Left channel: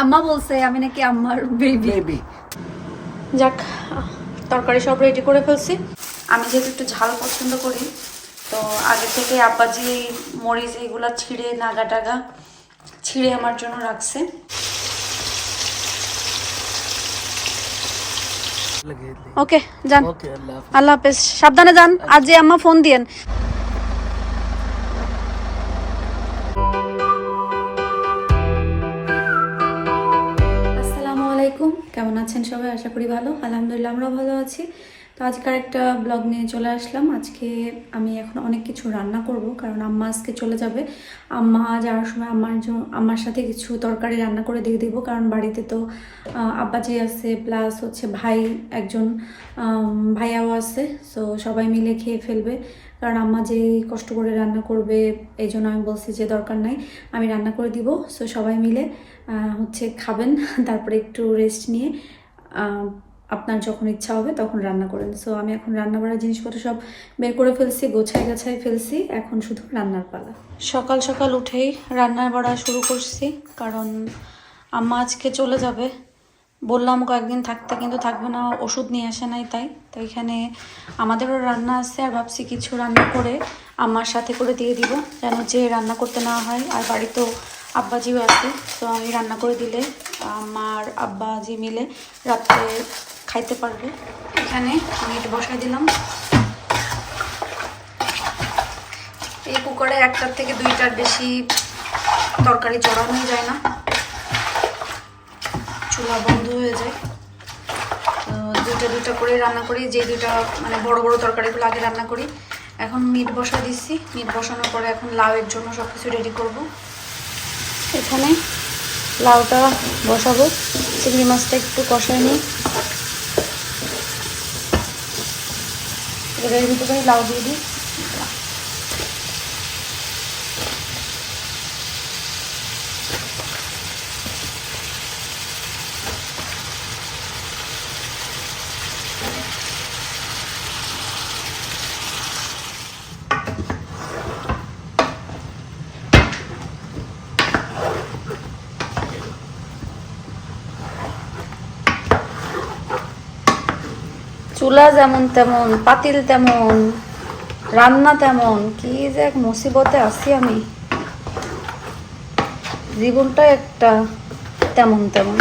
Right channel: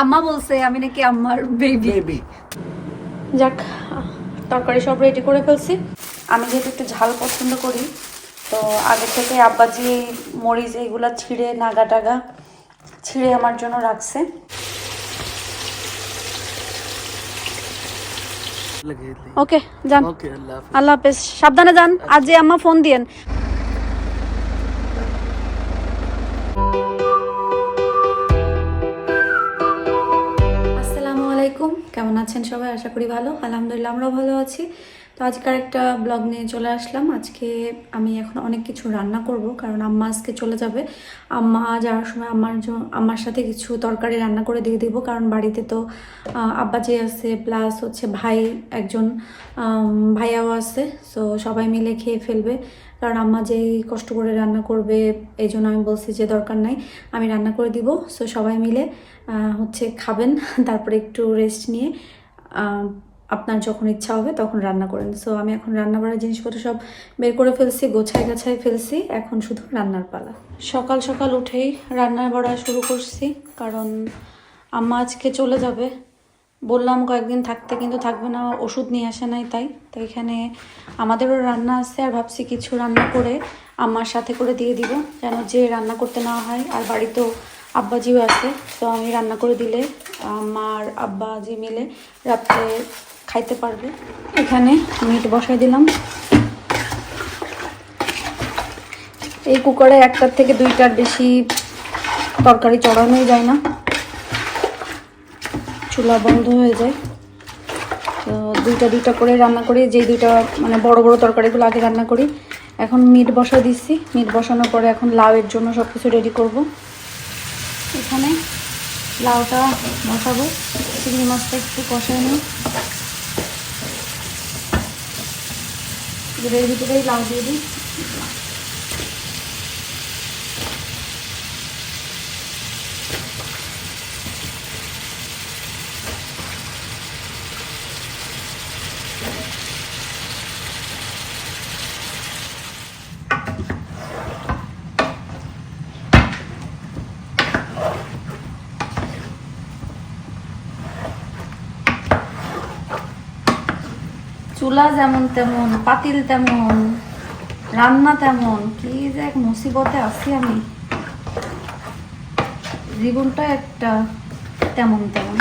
আম্মা বলছে আমি নাকি আম্মার বেবি বেবি যাক তরকারি সব রেডি করে ফেলছি। আমি যেহেতু একটু ঝাল পছন্দ করি তো আগে থেকে আব্বা যে মরিচ এইগুলা ছিঁড়ে নাগা টাগা ছিঁড়ে আমার জন্য রাখছে। ওকে যান। আল্লাহ হাফেজ। সাবধানে যান। আর যে আম্মা ফোন দিয়েন। কেমন আছেন সবাই? আশা করি ভালো। আলহামদুলিল্লাহ আমরাও ভালো আছি। তো আজকের একটা ব্লগ নিয়ে চলে আসলাম। আজকে আমি এখন অনেক কিছু রান্না করব, কারণ আম্মা আজকে চলে যাবে। আম্মা যাওয়ার সময় আমার আমার সাথে কিছু তরকারি রান্না করে দিয়ে দিব, কারণ বাড়িতে তো আব্বাজি আছে প্লাস হচ্ছে ভাই একজন ভাইয়াও আছে। সো সবাই মিলে খেয়ে ফেলবে। কারণ আম্মা যেই কষ্ট করে রান্না করবে, এই জন্য আমি বলছি যে দরকার নাই। আমি রান্না করে দিব। সো সবাই মিলে হচ্ছে খাবেন, তারপরে একটু রেস্ট নিয়ে আপনার যখন ইচ্ছা হবে তখন রান্না করেন। সো আমি এখন রান্না করার জিনিসপত্র সব বের করে ফেলছি গোছাই গাছাই ফেলছি, এখন শুধু রান্নার পালা। সকাল সকাল উঠেই রান্নার বাড়া শুরু করছি, কারণ আম্মা আজকে চলে যাবে। বললাম কয়েকদিন থাকতে কিন্তু থাকবে না, ওষুধ নিয়ে আসে নাই তাই। তো এখানে আমাদেরও রান্না আছে আর ভাবছি কিছু রান্না করে আম্মার সাথে করে দিয়ে দিব, যেন যে রান্না করতে না হয় আর বাড়িতেও আব্বাজিও আছে, তো আমি রান্না করে দিলে আমার আব্বাজি মিলে রাত্রে খাইতে পারবে। এখানে মিট বসাই দিলাম। এই কুকারে একটার থেকে দুইটার বেশি তরকারি চড়ানোই যায় না। চুলা বন্ধ হয়ে যায়। তো দুইটা দুইটা করে রান্না করি যে দুইটা মানে বড় বড় তরকারিগুলো আগে রান্না করি। এখন মিট বসাই দিচ্ছি। মিট বসানোর পরে এখন লাউয়ের জন্য সব কিছু রেডি করব। এখানে লাউটা বসাবো চিংড়ি মাছটা একটু কষায় নিই। এবার লাউ দিয়ে দিই। চুলা যেমন তেমন, পাতিল তেমন, রান্না তেমন, কি যে এক মুসিবতে আছি আমি। জীবনটা একটা তেমন তেমন।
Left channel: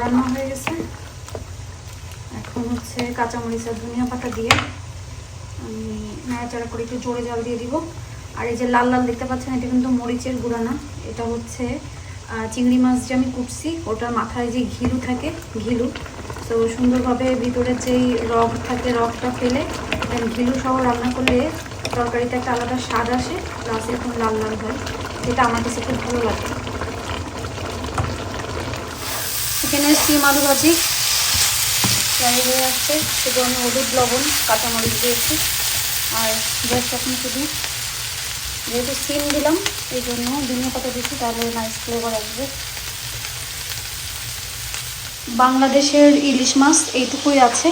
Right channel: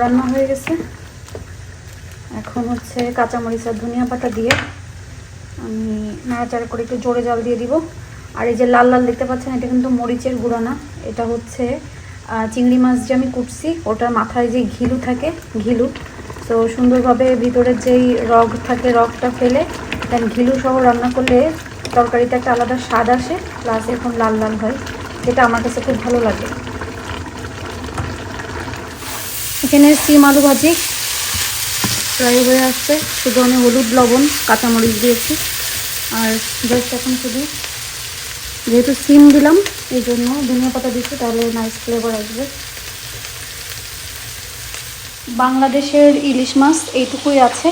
রান্না হয়ে গেছে। এখন হচ্ছে কাঁচামরিচ ধনিয়া পাতা দিয়ে আমি নাড়াচাড়া করে একটু জোরে জল দিয়ে দিব। আর এই যে লাল লাল দেখতে পাচ্ছেন, এটা কিন্তু মরিচের গুঁড়া না। এটা হচ্ছে চিংড়ি মাছ যে আমি কুটছি, ওটার মাথায় যে ঘিলু থাকে, ঘিলু। তো সুন্দরভাবে ভিতরের যেই রগ থাকে, রগটা ফেলে দেন ঘিলু সহ রান্না করলে তরকারিতে একটা আলাদা স্বাদ আসে প্লাস এখন লাল লাল হয়, যেটা আমার কাছে খুব ভালো লাগে। এখানে সিম আলু ভাজি ফ্রাই হয়ে আসছে। শুধু আমি হলুদ, লবণ, কাঁচামরিচ দিয়েছি। আর জাস্ট এখন শুধু যেহেতু সিম দিলাম, এই জন্য ধনিয়া পাতা দিচ্ছি, তাহলে নাইস ফ্লেভার আসবে। বাংলাদেশের ইলিশ মাছ এইটুকুই আছে।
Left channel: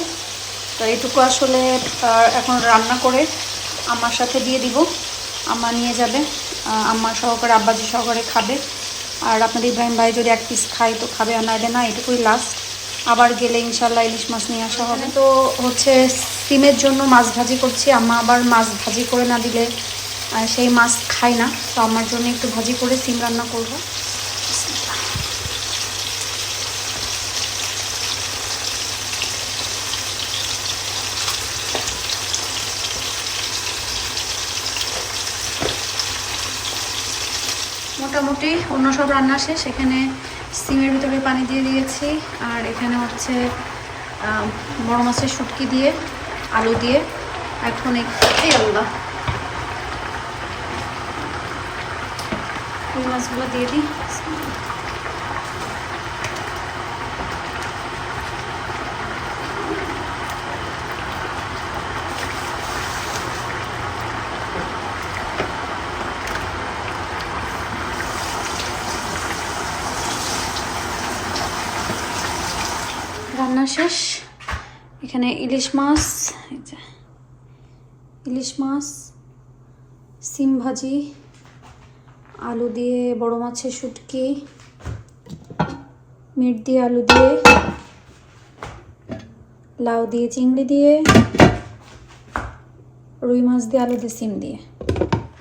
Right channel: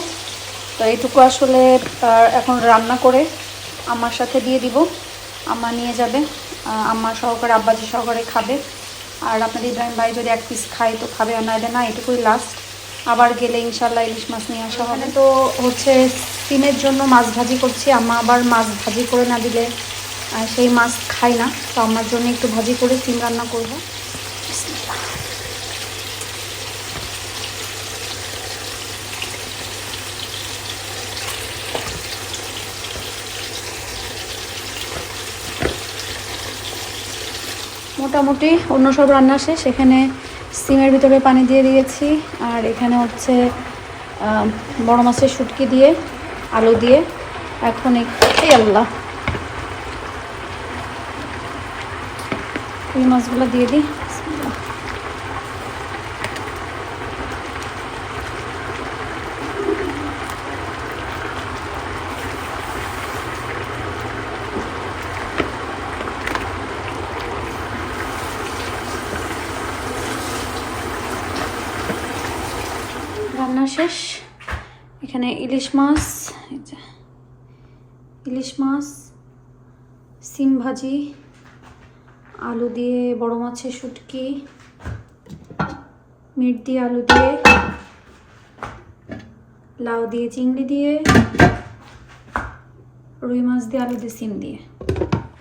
তো এইটুকু আসলে এখন রান্না করে আমার সাথে দিয়ে দিব। আম্মা নিয়ে যাবে আম্মা সহকারে, আব্বাজি সহকারে খাবে। আর আপনাদের ইব্রাহিম ভাই যদি এক পিস খায়, তো খাবে আর নাহলে না এটুকুই লাস্ট আবার গেলে ইনশাল্লাহ ইলিশ মাছ নিয়ে আসা হবে। তো হচ্ছে, সিমের জন্য মাছ ভাজি করছি, আম্মা আবার মাছ ভাজি করে না দিলে আহ, সেই মাছ খাই না তো আমার জন্য একটু ভাজি করে সিম রান্না করব। মোটামুটি অন্য সব রান্না শেষ এখানে সিমের ভিতরে পানি দিয়ে দিয়েছি আর এখানে হচ্ছে বড় মাছের শুটকি দিয়ে আলু দিয়ে। এখন একটু আল্লাহ। এই মাছগুলো দিয়ে দিই। রান্না শেষ। এখানে ইলিশ মাছ ইলিশ মাছ সিম ভাজি আলু দিয়ে বড় মাছের শুটকি, মিট দিয়ে আলু দিয়ে, লাউ দিয়ে, চিংড়ি দিয়ে, রুই মাছ দিয়ে, আলু দিয়ে, সিম দিয়ে।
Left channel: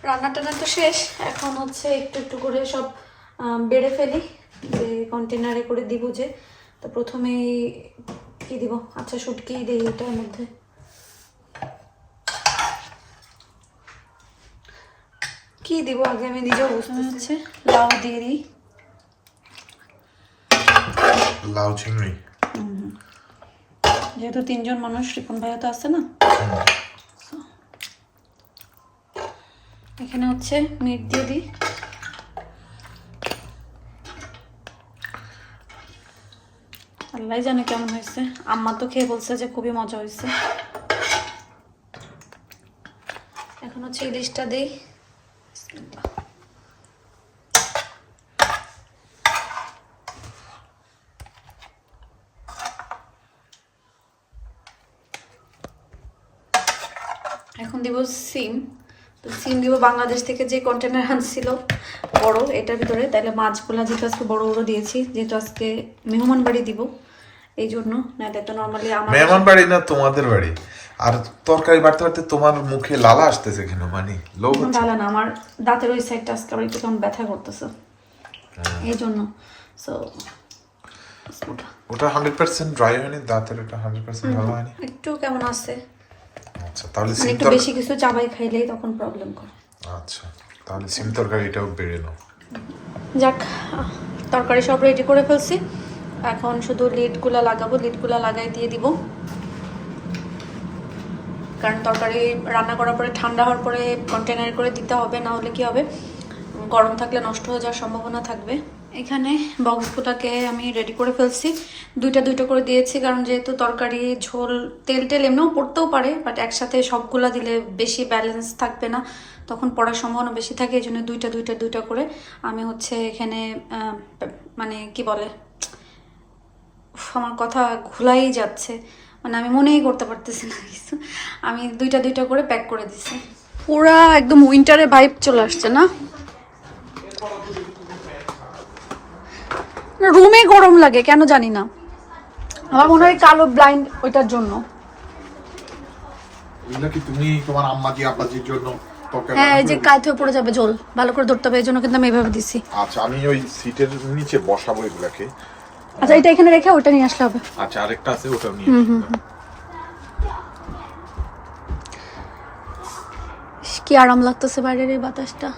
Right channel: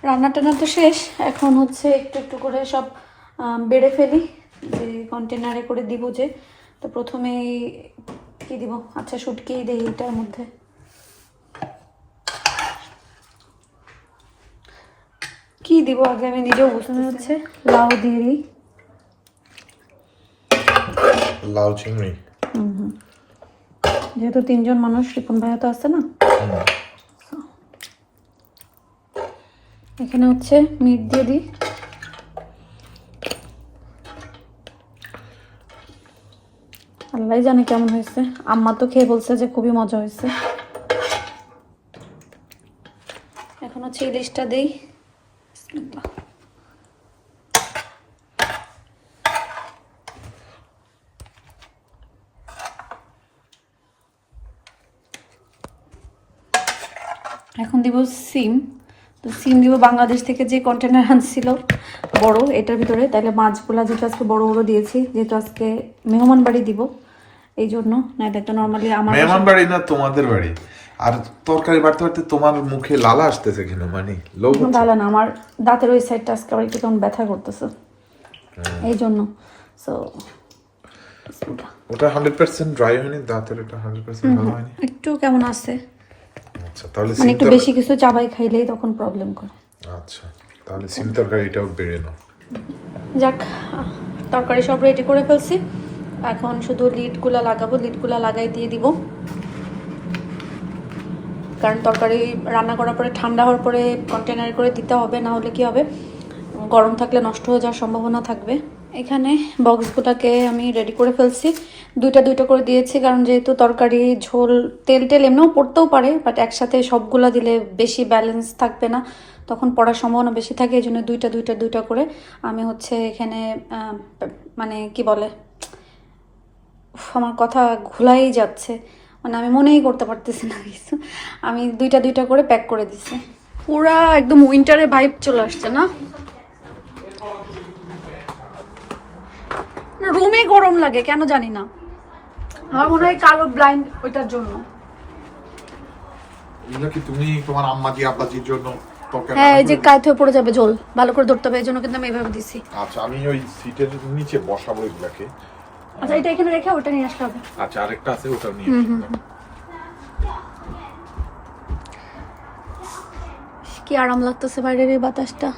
রান্না টান্না তো শেষ। এখন হচ্ছে একটু একটু করে সব বেড়ে ফেলি। যে কন্টেনারে করে দিব যে, তো প্রথমে কি দিব? আচ্ছা শুটকিই দিই এটার মধ্যে। কি দিব আগে? আমি নিজেও বুঝতে হচ্ছে লাউ দিয়ে দিই লাউ চিংড়ি। যেহেতু তিনজন মানুষ রিপন ভাইয়া তো আছে না? এখানে হচ্ছে মিট দিয়ে দিই। আল্লাহ জানে কেমন হয়েছে। আম্মা তো খেয়ে বলছে যে খুবই মজা হয়েছে। এখন হচ্ছে ইলিশটা দিই। এখন দিব সিম। তো সিম দিব বাংলাদেশ থেকে যে কন্টেনার আনছিল বড় এটার ভিতরে। তাহলে মাছগুলা যেহেতু আজকে বড় বড় দিয়েছি যেহেতু আজকে মেহমান বাড়ি দিব এই জন্য। নাহলে একটা নর্মালি আমার মেহমান বাড়ি না তোমাদের বাড়ি? আর তরকারি বাড়তে বাড়তে তোমার মুখে লালা আসতেছে কেন? মানে লোভ হচ্ছে। ভালো না আমার দাঁতের ওই সাইডটা আজকে আবার একটু কেমন ব্যথা করতেছে। এই জন্য। সো ওটা হান্ড্রেড পার্সেন্ট ড্রাই হয়নি দাঁতের ওটা হান্ড্রেড পার্সেন্ট ভালো হয়নি। একটু কেমন আছে? আচ্ছা তাহলে মানে সিম একটু তরকারি বেশি কিছু চাবাই খাইলেই তখন প্রবলেম করে। আচ্ছা তাহলে সিম তরকারিটাও বেড়ে নাও। যাক তরকারি সব রেডি করে ফেলছি। এখন শুধু লিডগুলো লাগাবো লিডগুলো লাগাই দিয়ে দিব। কারণ তরকারি রান্না করার পরে ঠান্ডা হওয়ার পরে কন্টেনার করে দিতে হবে না হলে কি হবে? গরম থাকলে নষ্ট হয়ে যাওয়ার সম্ভাবনা থাকবে। এখানে বক্সগুলোকে আমি রেডি করে ফেলছি। দুইটা দুইটা করে দিয়েছি, কারণ যেহেতু তরকারি, ঝোল, তেল টেল এমনিও পড়তেও পারে বাট একসাথে সবগুলা দিলে বেশি ব্যালেন্স থাকবে না। তখন পড়ার সম্ভাবনা বেশি থাকে, এই জন্য দুইটা দুইটা দুইটা করে আমি হচ্ছে এখানে মানে কি বলে আমার কথা ঘোলাই যাচ্ছে। মানে আমি মনেই করতে পারতেছি না কিছু। আমি দুইটা দুইটা করে প্যাক করে দিছি। পুরা একদম উইন্টারে ভাইব চলে আসছে না? রুমে গরম লাগে কেন জানি না। আমার মনে হয় কালো ব্লাইন্ড ওইটার জন্য। এগুলো কি তুমি তোমার আম্মা আম্মাজি আব্বাজির জন্য হ্যাঁ এই যে? কায়ত পড়ে যাবে জল ভালো করে ধরতে হবে এই জন্য কিন্তু আমি এভাবে দিছি। আচ্ছা আমি ওই সিটের নিচে বসাবো এগুলাকে। আচ্ছা এটা এখানে রেখে ওটা নিয়ে আসলে হবে। আচ্ছা আরেকটা আছে ওটাও নিয়ে কি আরাম লাগতেছে বাইরের এই বাতাসটা।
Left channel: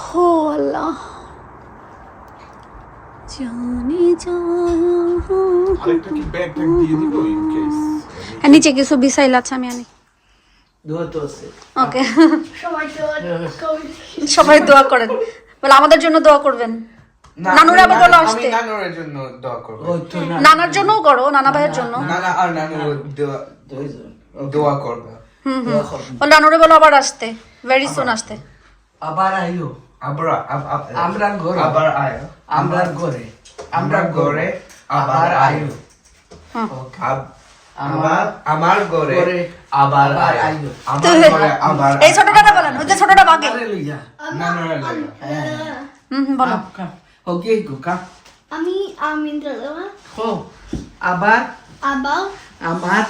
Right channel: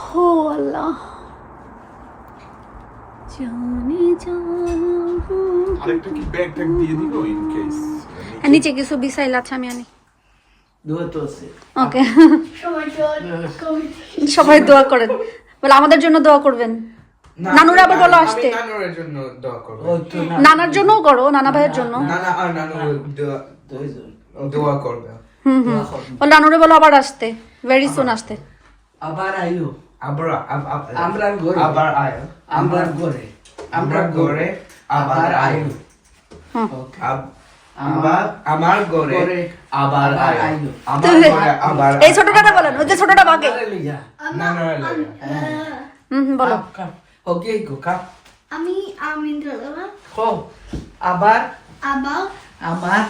হো আল্লাহ জানি যা আরেকটা কি ব্যাগ ট্যাগ দিয়ে দিব ইন কেস আর নিচে কিছু বিসাইল আছে আমি আনি। দোয়া তো আছে। ওকে। সবাই দোয়া করেন। বলে আমাদের জন্য দোয়া করবেন। নানুর আবার বলো আসতে। নানার জন্যও করো নানা ভাইয়ের জন্য। নানা আর নানু। দোয়া দোয়া করবে। করো। বলে নানুরে বলো আবার আসতে ভেরি সুন আসতে। আবার আইও। আবরা আমরা ঘরে। আবার আয়। আমরা ঘরে। আমরা ঘরে। আবার আয়। হ্যাঁ। আমার আমার ঘরে ঘরে আবার আবার আয়। আইও আমার ঘরে আবার এই ছোটটা বলেন ওই যে ছোটটা বাগে। হালেলুয়া নানুরা হুম হুম, বলো। ওকে গো কাপ আমি আবার? আবাও আমার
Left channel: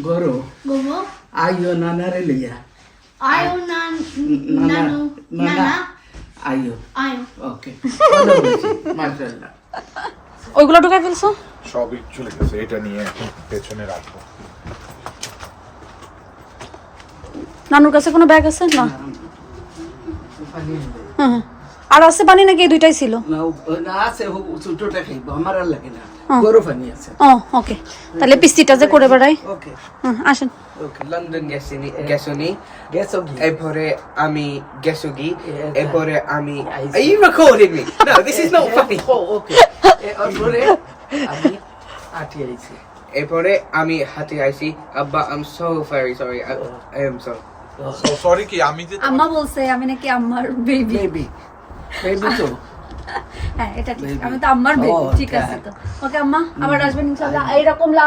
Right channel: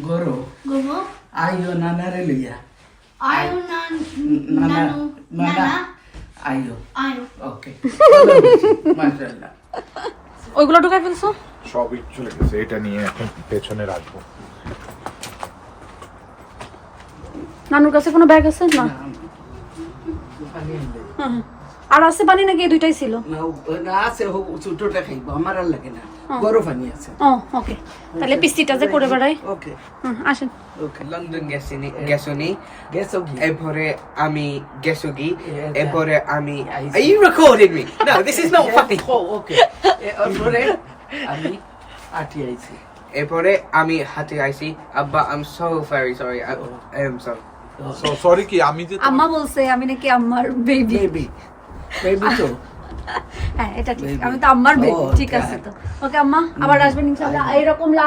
গরো। গোমো। আইও নানারে লইয়া আয়ু নান। নানা। নানু। নানা আইও। ওকে। মাশাআল্লাহ। ওইগুলো ঢুকাই ফেলছো? সবই চলে গেছে এটা নিয়ে এখন পেছনে রাখব। নানুর কাছে কোনো ব্যাগ আছে? না। হ্যাঁ। আর আছে পানি নাকি? এই দুইটাই ছিল। না আছে ছোটটা খাইবো আমার আর লাগে না। গরু পানি আছে। ও ওকে। তাহলে পিস্তিটা যে করে বেড়াই। ওকে। হুম আসেন। ওকে লন্ডন গেছিনি গেছনি। গেছো কি? এরপরে আমি গেছুগি এরপরে আমি I see. Are you recording me? No, this is ও ওকে। এরপরে আমি আটি আইছি। এরপরে আমি হাতে আইছি। আব্বা I'm so very sorry I, I am sorry. Sorry কি আমি যে আম্মা বলছে আমি নাকি আম্মার বেবি বেবি হ্যাঁ এটা ঠিক। আমি তো আম্মার বেবি ঠিক আছে তো। ওকে আম্মা আবার আসবেন ইনশাআল্লাহ। এরকম লা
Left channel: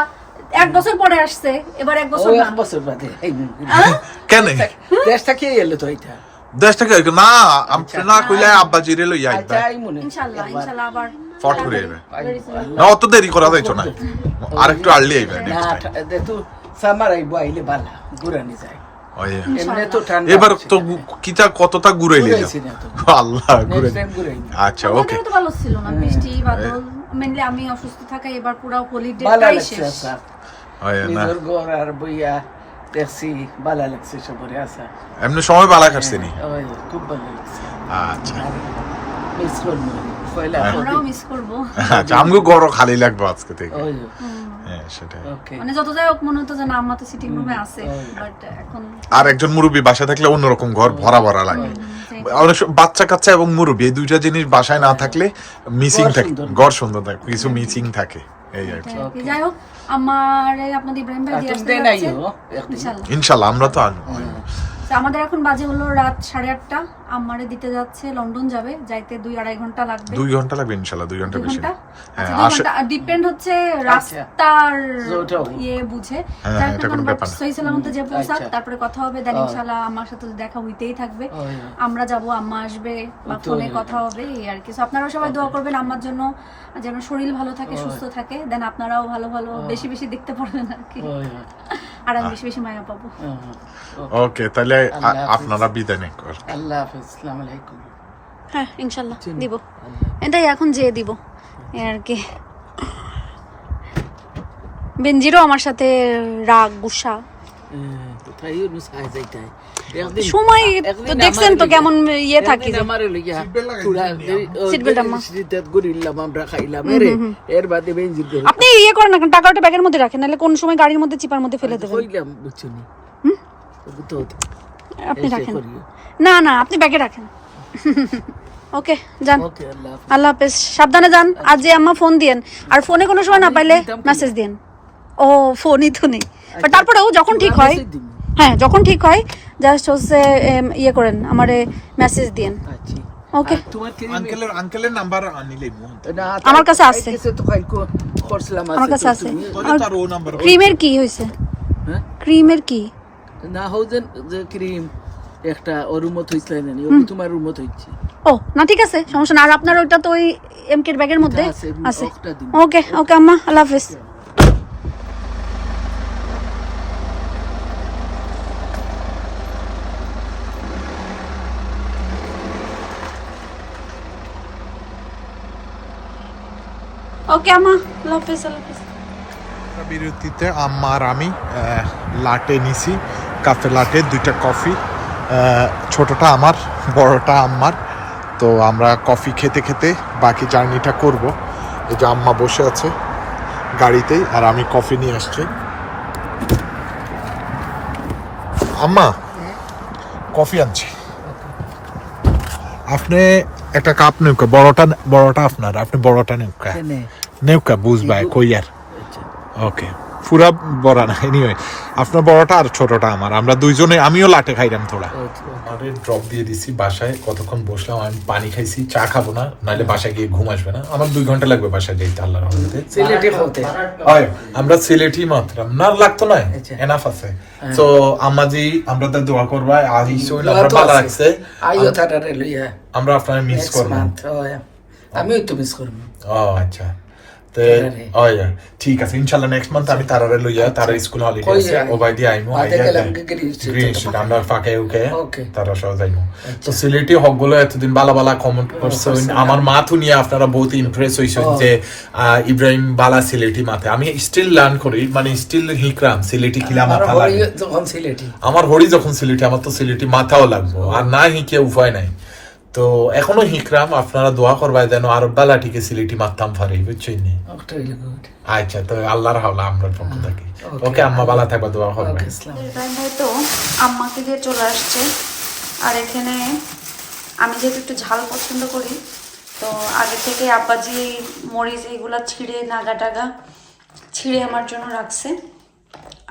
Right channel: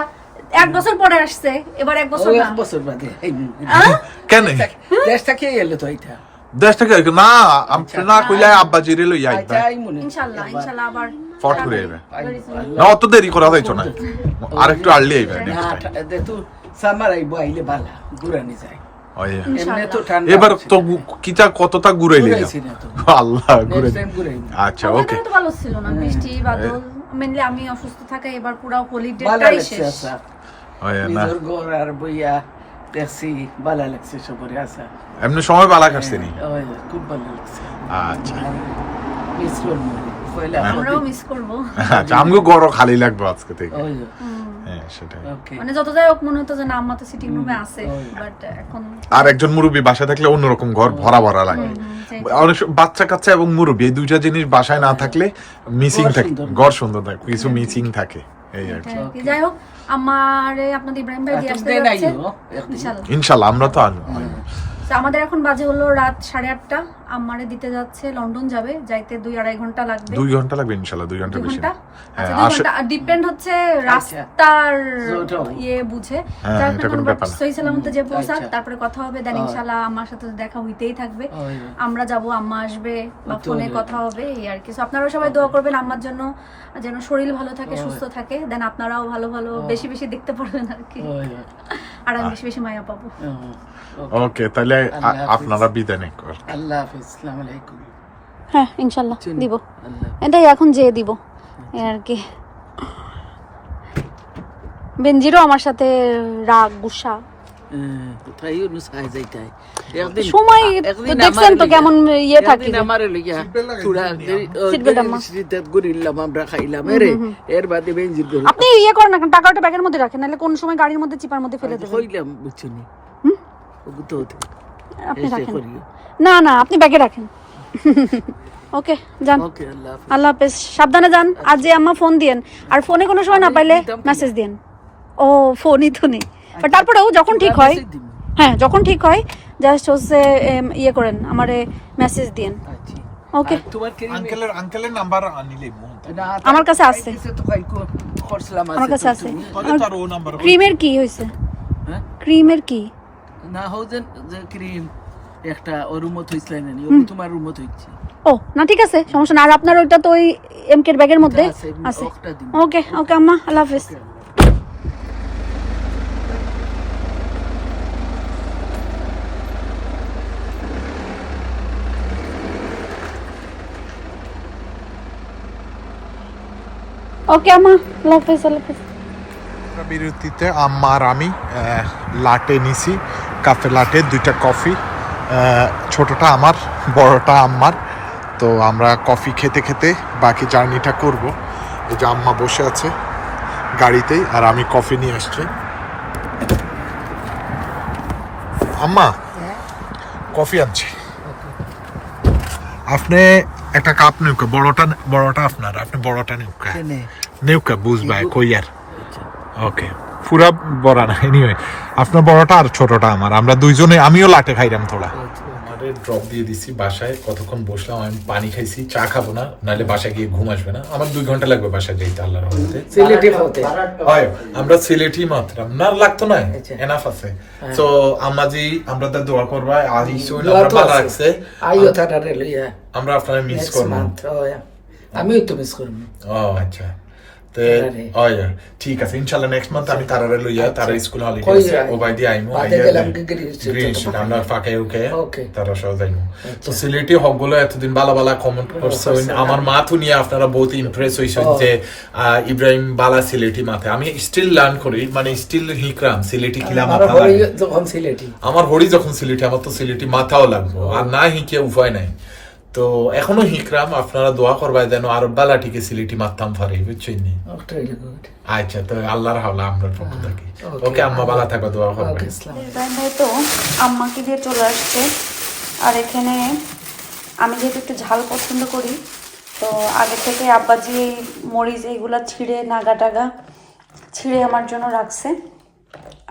এক বছর পরে আসছে এবার এক বছর এক বছর বাদে। কেন? দেশটা কে এলো তো এটা দেশ থেকে না আপনি না কইলে আব্বা জিরে লই আইবা আচ্ছা আই ইনশাল্লাহ ইনশাল্লাহ আবার। ফট করে আইবে। না অত দেরি করা যাইতো না। আর একটু আর্লি আইবে নেক্সট টাইম সামার আইবো আইলে বালা ঘুরানি যায়। ঠান্ডা এবার। তো কিটা কতটা তো। আল্লাহ ঘুরে। আচ্ছা ওকে তো ভালো ছিল না বৃষ্টি বাদল মেনলি আমি অসুস্থ থাকায় এবার পুরো বালা হলিডেটাই লাগছে শেষ। আসা ওই না। ঘর আর বইয়া দেখছি বালা লাগছে সবরে আসা এমনি সময় বালা কাটছে নি? খুব ভালো লাগছে। আচ্ছা। মিস আমরাও মিস করব। আচ্ছা আমগো গড় খালি লাগবে আজকে থেকে। হ্যাঁ সেটাই। মানে যত যাই হোক মনে হতো যে না আম্মা তো সিটিং রুমে আছে বাট এখন আর একজন মুরব্বী বাসায় থাকলে অন্যরকম ঘর ভরা ভরা লাগে। অনেক বাচ্চা কাচ্চা এবং মুরব্বী এই দুইটা জিনিস বাসায় না থাকলে মিসিং ঘর থাকে সুন্দর। ঘর সুন্দর থাকে কিছু মিসিং থাকে এই আর কি। যাই হোক আমার আপনাদের ইব্রাহিম ভাই দিয়ে আসতে ইনশাল্লাহ। আমরা। তো আমাদের এখন বাজে হলো রাত সাড়ে আটটা। আমারে দিতে যাচ্ছে লন্ডন যাবে যাইতে দুই আড়াই ঘণ্টা লাগবে। দুই ঘণ্টা লাগবে ইনশাল্লাহ দুই ঘণ্টা বেশি হ্যাঁ আচ্ছা, ডিপেন্ড হচ্ছে রাস্তার ইয়ে বুঝে। হ্যাঁ। সহি সালামতে যে পৌঁছাক আচ্ছা। তারপরে কথা হবে দেন ইনশাল্লাহ আমার সাথে দেখা হইতেই থাকবে। আমরা যাব আম্মা আসবে বা ফোনে কথা হবে এই আর কি। So আপনারাও সবাই দোয়া করবেন আম্মার জন্য যেন শরীর ভালো থাকে সুস্থ থাকে। দেন আপনারাও ভালো ভালো বেশি বেশি দেখতে পারবেন আর কি। আর আমি বেশি বেশি মায়া পাবো। ওকে তাহলে। আপনারা বিদায় কর। আল্লাহ আসসালামু আলাইকুম। হ্যাঁ ইনশাল্লাহ দিব। এটাই এখন যেয়ে দিব আর কি। বেনজিরও আমার সাথে রাগ গুসা। সময় দেখছেন তো কেমন ইয়ে থাকি আপনি ইয়ে করেন না টাকা ওটা ব্যাগের মধ্যে রাখেন নাহলে কোন সময় গাড়ির মধ্যে চিপার মধ্যে ফেলে দেবেন? আপনি রাখেন। না না আপনি ব্যাগে রাখেন। ওকে যান। আল্লাহ হাফেজ। সাবধানে যান। আজ যে আম্মা ফোন দিয়েন আর ফোনে কোনো সময় না পাইলে মেসেজ দিয়েন। ও ফোনই তো নেই বাট তারপরেও যখন ঠিক হয় হ্যাঁ যখন ঠিক হয় জাস্ট হচ্ছে ইয়ে করেন আমারে মেসেজ দিয়েন। আচ্ছা ওকে। আর তোমার কি আঙ্কেলের আঙ্কেলের নাম্বার আমার কাছে আছে। আমার কাছে আছে। আর ক্রিমের কি হয়েছে হ্যাঁ? ক্রিমের কি? না হৌজেন যে ক্রিম একটা ও রুমত হইছিল না ও তোমার রুমত হইছে। ও না ঠিক আছে সমস্যা না আর আপনার ওইটা তো ওই এমকের ব্যাগের মধ্যে? আছে। ওকে ওকে আম্মা আল্লাহ হাফেজ। ওকে আম্মা। আল্লাহ হাফেজ আল্লাহ হাফেজ। বিরতিতে আম্মা আর আমি আহ, লাটে নিছি। কাফে লাটে দুইটা কফি ছোটটা আমার বড়টা আম্মার। তো আমরা কফি খেতে খেতে বাকি জার্নিটা করব। এই যে আম্মা বসে আছে গাড়িতেই আর আমি কফি নিয়ে আসছি। আম্মা কফি আনছি। আপনি একটা কাপ নেউকা বড়টা বড়টা আপনার আপনি বড়টা নেউকা। নেউকা বুঝবাই কইয়ার ওকে পুরা বড় না এনিওয়ে আপনার বড়টা আর ছোটটা আমার। আমরা দুইজনে আমিও লাটে খাইলাম থোড়া। আমারে ড্রপ দিয়ে দিছি বাসায় কতক্ষণ বসলাম আমি পানি খাইছি চা খাব না নাহলে বাসায় গিয়ে ঘুম আসবে না। আমার দুই ঘণ্টা লাগবে বাসায় যাইতে আল্লাহর রহমতে। হয় আমরা সিলেটি মাত্রাম না লাগতো না আচ্ছা। এনাফ আছে। তো আমাজি আমরা তো দোয়া করবা আজ ইসোই তো ভালো আছে। লাগছে আইও লইয়া। আমরা আপনারা মিস করব। আমিও তো মিস করব। ও আচ্ছা। তে তারারে। ওয়া ঠিক আছে ইনশাআল্লাহ নেক্সট মান্থ আমি তারারে লইয়া তারা স্কুল হলিডে কই আছে। যাই? ও বাই দি আইমু বাদে আইয়া গেলাম দে- কি গ্রিন স্ট্রিট গ্রিন তো পাকা। আমরা ফাঁকে উকে Okay. তারা সহ যাইমু। তো সিলেটি হকগুলো এতদিন বালা বালা কমেন্ট করছে। আমার মাথু নিয়ে আপনারা বহুত ইমপ্রেস হইছেন যে আহ, ইব্রাহিম বালা সিলেটি মাথে আমি স্টিল লার্ন করি মানে স্টিল হিকরাম সিলেটি কিলা আমার মাথা লাগে। যখন সিলেটি। আমার হরি যখন সিলেটি আমার তো সিলেটি মাথাও লাগবো। আর না হিকে উপায় নাই। তো এখনও হিকরাম আপনারা দোয়া করবাই যেন আর বালাটিকে সিলেটি মারতাম পারি বুঝছেন আচ্ছা তো আল্লাহর হাওলা আমরা পক্ষ থাকি। ওকে আম্মা বালা থাকবা দোয়া করবে। ইব্রাহিম ভাই তো আম্মাকে দিয়ে চলে আসছে। আর এখানে আমি যেহেতু একটু ঝাল পছন্দ করি তো আগে থেকে আব্বাজি এই মরিচ এইগুলা ছিঁড়ে নাগা টাগা ছিঁড়ে আমার জন্য রাখছে।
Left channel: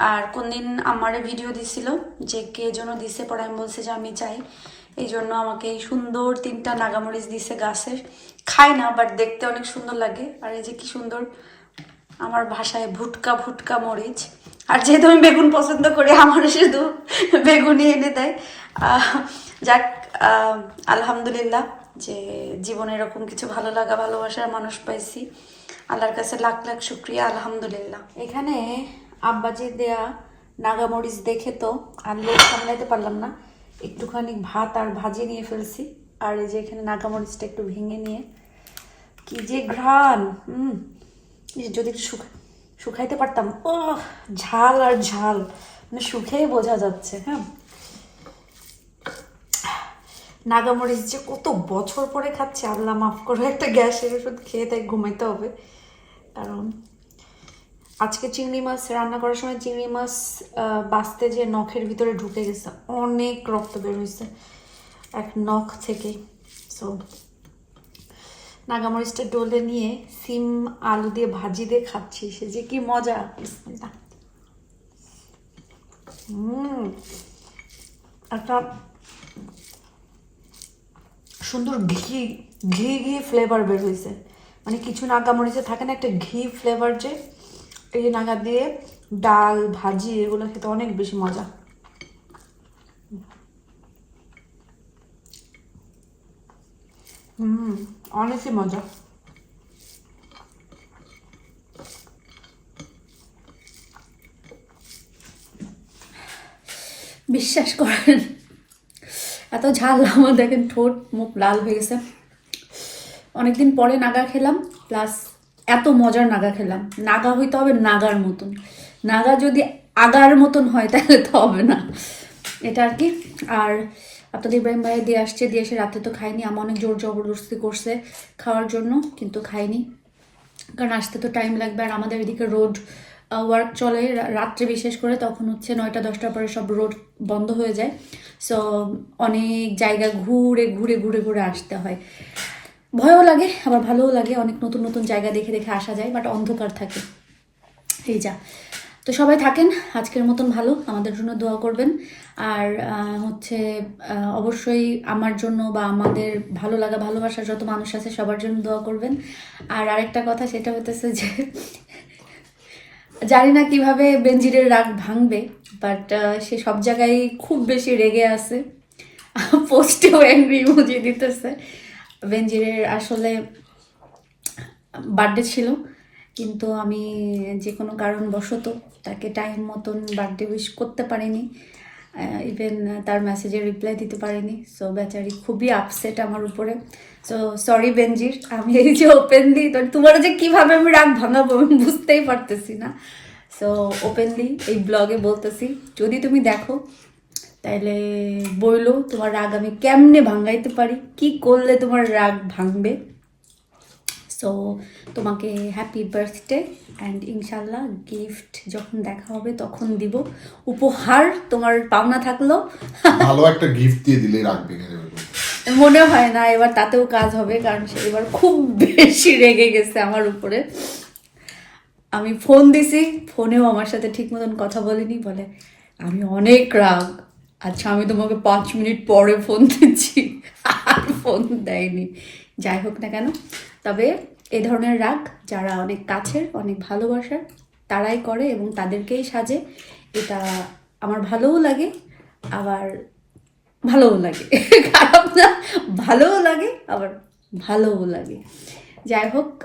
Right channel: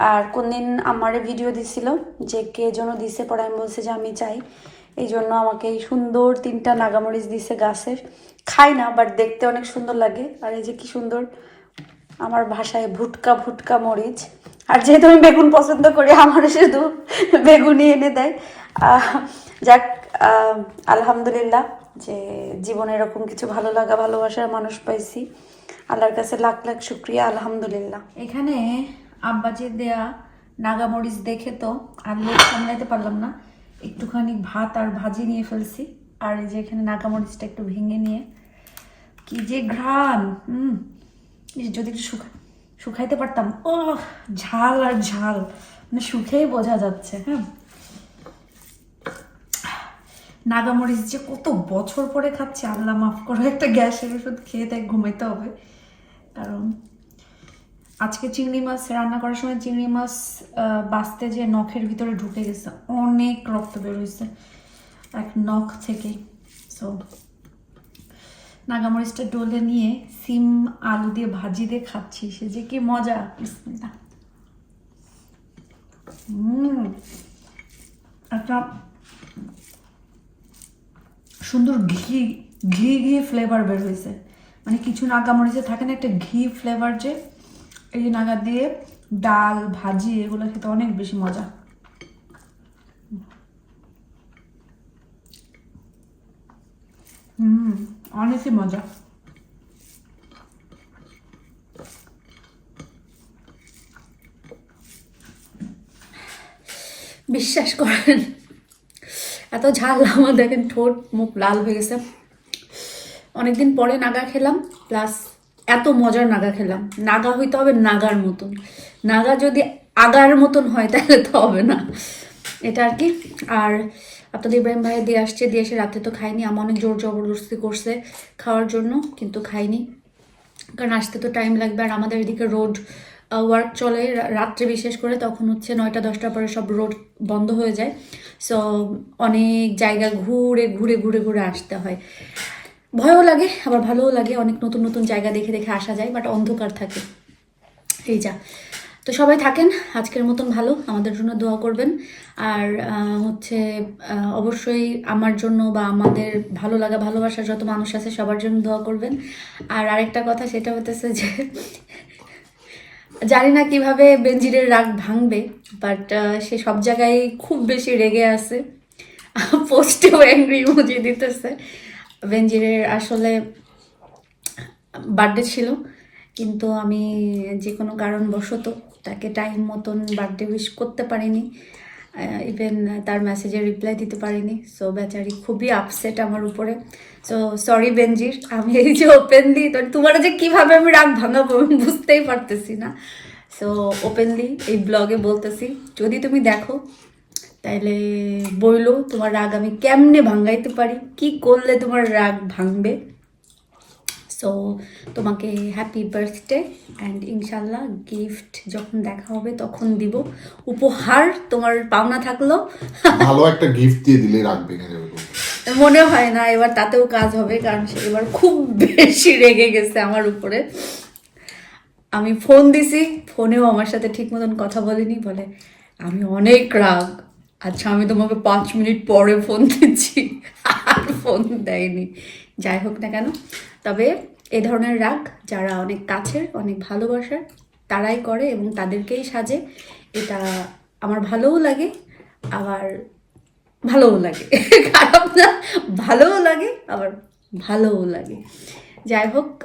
আর কোনদিন আমারে ভিডিও দিছিল যে কে জন্য দিছে, পরে আমি বলছি যে আমি চাই। এই জন্য আমাকে এই সুন্দর তিনটা নাগামরিচ দিছে গাছের। খাই না বাট দেখতে অনেক সুন্দর লাগে। আর এই যে কি সুন্দর, আমার ভাষায় ভুটকা ভুটকা মরিচ। আর যেহেতু আমি বেগুন পছন্দ করি, আমার শুধু বেগুনই এনে দেয়। যাক আলহামদুলিল্লাহ যে জীবনে এরকম কিছু ভালো লাগা, ভালোবাসার মানুষ পাইছি। আল্লাহর কাছে লাখ লাখ শুক্রিয়া, আলহামদুলিল্লাহ। এখানে আব্বাজির দেয়া, নাগামরিচ দেখে তো লোক সামলাইতে পারলাম না। একটুখানি ভাত আর ভাজি নিয়ে ফেলছি, আর এই যে এখানে নাগামরিচটা একটু ভেঙে নিয়ে। কি যে ঘ্রাণ হুম যদি একটু শুকা, শুকাইতে পারতাম ও ঝাল আর ঝাল মানে শুকেই বোঝা যাচ্ছে হ্যাঁ। নাগামরিচ যে কত বছর পরে খাচ্ছে, আল্লাহ মাফ করো, একটা গ্যাসের ওষুধ খেয়ে তাই ঘুমাইতে হবে। কারণ আজকে চিংড়ি মাছ, রান্না করার সময় চিংড়ি মাছ বাঁচতে যে নখের ভিতরে ঢুকে গেছে, অনেক রক্ত বের হয়েছে, এক নখ থেকে সো নাগামরিচটা ডলে নিয়ে সিম, আলু দিয়ে ভাজি দিয়ে খাচ্ছি, সে যে কি মজা। একটা সুন্দর ঘি ঘি ঘি ফ্লেভার বের হয়েছে। মানে কিছু নাগামরিচে থাকে না, একটা ঘি ফ্লেভার যে এই নাগা দিয়ে ডাল, ভাজি, এগুলো খেতে অনেক বেশি মজা। হুম, অনেকই মজা। বিশ্বাস করেন, এত ঝাল আমার দেখেন ঠোঁট, মুখ লাল হয়ে গেছে। অনেকদিন পরে নাগা খেলাম প্লাস এত মজার নাগা খেলাম। নাগা হইতে হবে নাগার মতন। নাগা যদি আগার মতন হয়, তাহলে তো হবে না। এটা আর কি। আর আপনাদের ইব্রাহিম ভাই দিয়ে আসছে, দিয়ে এসে রাতে তো খাইনি আমার অনেক জোর জবরদস্তি করছে খাওয়ার জন্য, কিন্তু খাইনি কারণ আসতে তো টাইম লাগবে। আর আমাদের এদিকে রোড ওয়ার্ক চলে রাত্রে বিশেষ করে। তখন হচ্ছে নয়টা, দশটার পরে সব রোড বন্ধ হয়ে যায়। সো অনেক জায়গা ঘুরে ঘুরে ঘুরে ঘুরে আসতে হয়। ভয়ও লাগে, আবার ভালোও লাগে। অনেক নতুন নতুন জায়গা দেখে দেখে আসা যায় বাট অন্ধকার থাকে। এই যা। তো সবাই থাকেন, আজকের মতন ভালো। আমাদের জন্য দোয়া করবেন। আর হচ্ছে অবশ্যই আমার জন্য বা আমাদের ভালো লাগা, ভালোবাসার যত মানুষ আছে, সবার জন্য দোয়া করবেন। আর আরেকটা কথা, সেটা হতেছে যে, জানি না কীভাবে বেঞ্জিরের রাগ ভাঙবে বাট সে সব জায়গায় খুব বেশি রেগে আছে। পোস্টেও অ্যাংরি ইমোজি দিতেছে। বেঞ্জিরের আসলে বার্থডে ছিল, কিন্তু আমি যে কোনো কারণবশত তাকে টাইম মতন বার্থডে উইশ করতে পারিনি ইভেন তার মেসেজে রিপ্লাই দিতে পারিনি। সো বেচারি খুবই আপসেট আমার উপরে। সো সরি বেনজির আমি এই যে ওপেনলি তোমার যে কীভাবে আমি রাগ ভাঙাবো আমি বুঝতেই পারতেছি না। সো ওপেনলি এই ব্লগে বলতেছি, যদি তুমি দেখো তাইলে বইলো তোমার রাগ আমি কেমনে ভাঙ্গাইতে পারি? কি করলে তোমার রাগ ভাঙবে? সো তোমাকে হ্যাপি বার্থডে অ্যান্ড ইনশাল্লাহ গিফট যখন দেখা হবে তখন দিব। উপহার তোমার পাওনা থাকল। ভালো একটা গিফট দিয়ে দিলে রাখবে মনে হয় না এবার তাতেও কাজ হবে কারণ সে এবার খুব বেশি রেগে গেছে আমার উপরে। আমি ফোন দিছি ফোনেও আমার সাথে ঠিক মতন কথা বলেনি বলে আমি অনেক রাগ আচ্ছা আমি তোমাকে পাঁচ মিনিট পরে ফোন দিচ্ছি। আর ফোন দেয়নি। যাই হোক না কেন। তবে এ ধরনের রাগ যারা অনেক কাছের, অনেক ভালোবাসার, তারাই করে এবং তাদেরকেই সাজে। এটা আমার ভালোও লাগে, আবার ভালোও লাগে। খারাপ না, ভালোও লাগে, আবার ভালোও লাগে। যাই হোক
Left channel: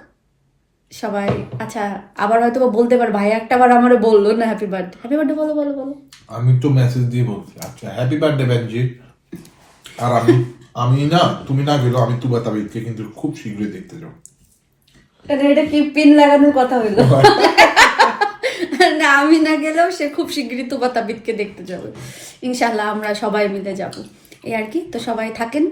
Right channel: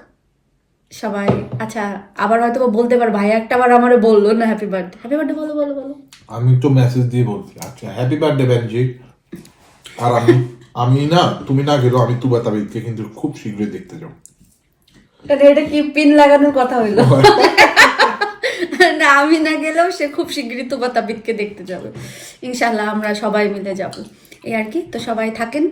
সবাই আচ্ছা আবার হয়তো বলতে পার ভাই একটা বার আমারে বলল না হ্যাপি বার্থডে হ্যাপি বার্থডে বলো বলো বলো। আমি একটু মেসেজ দিয়ে বলছি আচ্ছা হ্যাপি বার্থডে বেনজি আর আমি আমি না তুমি না গেলেও আমি তুবা তাবিদকে কিন্তু খুব শীঘ্রই দেখতে যাব। এটা এটা কি পিন লাগানোর কথা হইল? না আমি না গেলেও সে খুব শীঘ্রই তুবা তাবিদকে দেখতে যাবে। ইনশাল্লাহ আমরা সবাই মিলে যাব। এই আর কি তো সবাই থাকেন।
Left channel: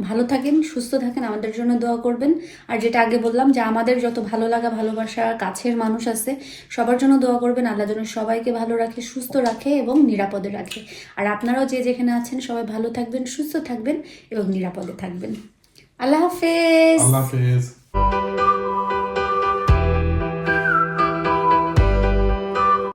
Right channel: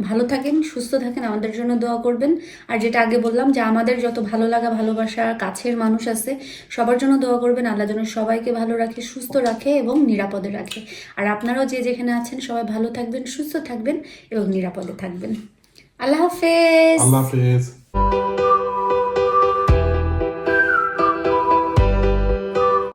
ভালো থাকেন, সুস্থ থাকেন, আমাদের জন্য দোয়া করবেন। আর যেটা আগে বললাম যে আমাদের যত ভালো লাগা, ভালোবাসা কাছের মানুষ আছে, সবার জন্য দোয়া করবেন, আল্লাহ যেন সবাইকে ভালো রাখে, সুস্থ রাখে এবং নিরাপদে রাখে। আর আপনারাও যে যেখানে আছেন, সবাই ভালো থাকবেন, সুস্থ থাকবেন এবং নিরাপদে থাকবেন। আল্লাহ হাফেজ। আল্লাহ হাফেজ।